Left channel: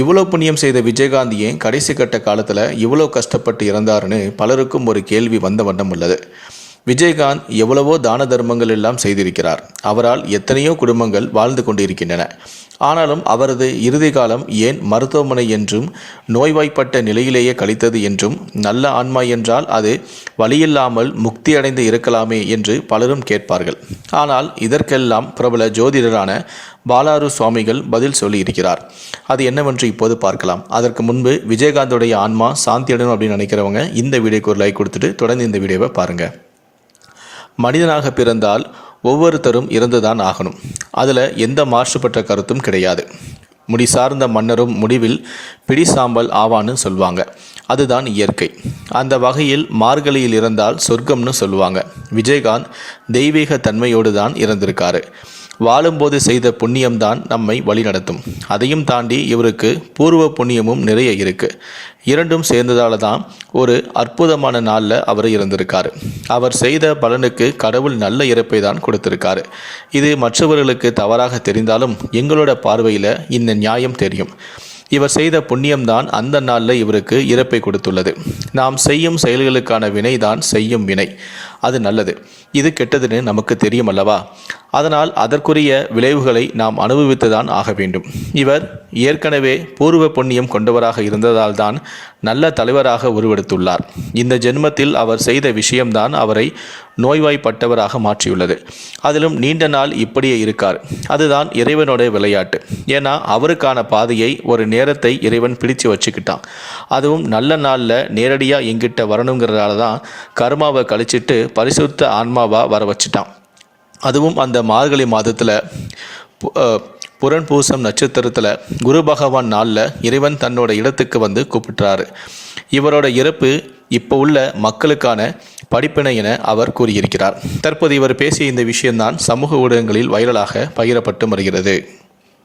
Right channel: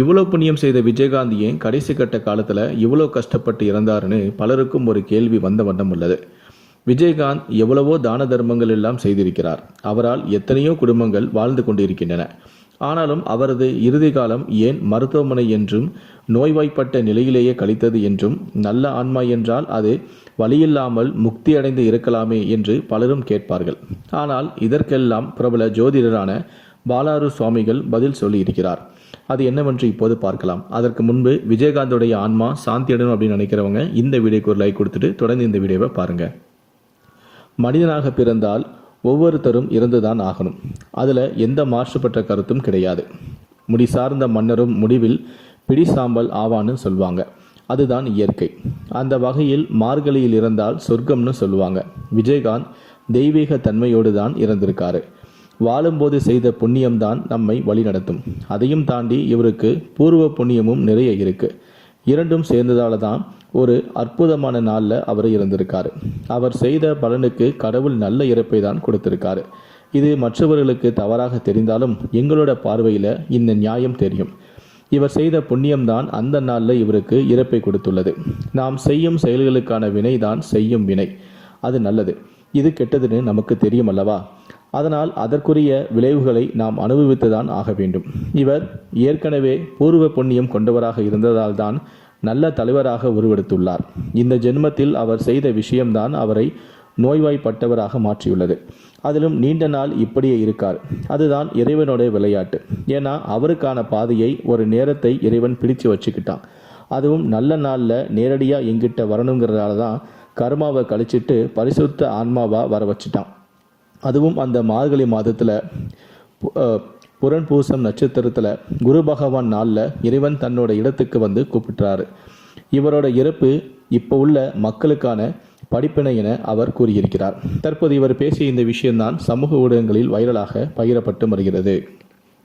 இவ்வளோ புண்ணியம் செய்த விஜயகாந்த் ஏன் கடைசி கட்ட காலத்தில் இவ்வளோ கஷ்டப்பட்டு இறந்தாருன்னு பலருக்கும் ஒரு கேள்வி வந்த வண்ணம் உள்ளது. விஜயகாந்த் எவ்வளவோ தான தர்மங்கள் எல்லாம் செய்திருக்கிறார். அவரால் எத்தனையோ குடும்பங்கள் வாழ்ந்து கொண்டிருக்கின்றன. ஆனாலும் அவரது இறுதி காலம் ஏன் மருத்துவமனை என்றும் நோய்வாய்ப்பட்ட நிலையிலேயே கழித்தது என்றும் நல்ல ஆன்மா என்றால் அது வழியில்லாமல் முக்தி அடைந்து இருக்கலாமே என்று பலரும் கேட்பார்கள். ஆனால் இதற்கெல்லாம் பிரபல ஜோதிடரான பாலாரு சுவாமிகள் பதில் சொல்லியிருக்கிறார். அது என்னவென்று இப்போது பார்க்கலாம். அதற்கு முன்பு விஜயகாந்தோடைய ஆன்மா சாந்தி அடையணும் அப்படின்னு நினைக்கிறவங்க இந்த வீடியோக்கு ஒரு லைக் கொடுத்துட்டு தொடர்ந்து இந்த வீடியோவை பாருங்கள் மனிதனாக பிறந்தால் ஒவ்வொருத்தரும் இறந்துதான் ஆகணும். அதில் எந்த மாற்றுப்பட்ட கருத்தும் கிடையாது. முடி சார்ந்த மன்னரும் முடிவில் பிடி சாம்பல் ஆவான்னு சொல்லுவாங்க அதுதான் இயற்கை. அந்த வகையில் மார்கழியில் இறந்தால் சொர்க்கம்னு சொல்லுவாங்க விஜயகாந்த் தெய்வீக தன்மையோடு தான் இறந்திருக்காரு. வாழும்போது செய்த புண்ணியம்தான் நம்மை வழிநடத்தும். அதையும் தாண்டி இவருக்கு பூர்வ புண்ணியமும் நிறைய இருக்கு. இரண்டும் சேர்ந்ததால தான் ஒரு அற்புதமான நாளில் அவர் இருந்திருக்காரு அவர் செய்த பலனுக்கு கடவுள் நல்ல இறப்பை தான் கொடுத்திருக்காரு. இது மற்றவர்களுக்கு தவறாக தெரிந்தாலும் எங்களோட பார்வையில் இந்த நியாயம் தெரியும். இவர் செய்த புண்ணியம்தான் அந்த நாளில் இவருக்கு இறப்பை கொடுத்துள்ளது. நாம் செய்யும் செயல்களுக்கான வினைதான் செய்யும் வினை. அது நல்லது. இது கெட்டதுன்னு நமக்கு தெரியும் அல்லவா? அதனால் அதற்குரிய விளைவுகளை நாம் அனுபவித்துதான் ஆக வேண்டும். இவர் ஏற்கனவே பூர்வ புண்ணியம் கொண்டவராக இருந்ததால்தான் நல்ல தலைவராக உருவெடுத்துள்ளார். இந்த ஜென்மத்தில் அவர் செய்த விஷயம்தான் அவரை நோய்வாய்ப்பட்டவராக மாற்றியுள்ளது. அதிலும் நீண்ட நாள் இப்படியே இருக்கார். அதுதான் இறைவனோட விளையாட்டு. ஏன்னா அவருக்கான பாதையை ஒரு நேரத்தை இறைவன் பிடிச்சு வச்சுக்கிட்டான். அதுவும் நல்ல நாளில் நேரடியாக எங்கிட்ட வரணுங்கிறதால தான் கர்மாவை கழிச்சிட்டு பரிசுத்த ஆன்மாவாக வர வச்சுட்டான். அதுவும் அந்த மார்கழி மாதத்தில் புரண் பூசம் நட்சத்திரத்தில் குரு பகவான் நாளில் இறைவன் தன்னோட இடத்துக்கு வந்து கூப்பிட்டுறாரு. இவரோட இறப்பு இப்போ உள்ள மக்களுக்கான படிப்பினை என அவர் கூறியிருக்கிறார். தற்போது இவர் பேசிய இந்த விஷயம்தான் சமூக ஊடகங்களில் வைரலாக பகிரப்பட்டு வருகிறது.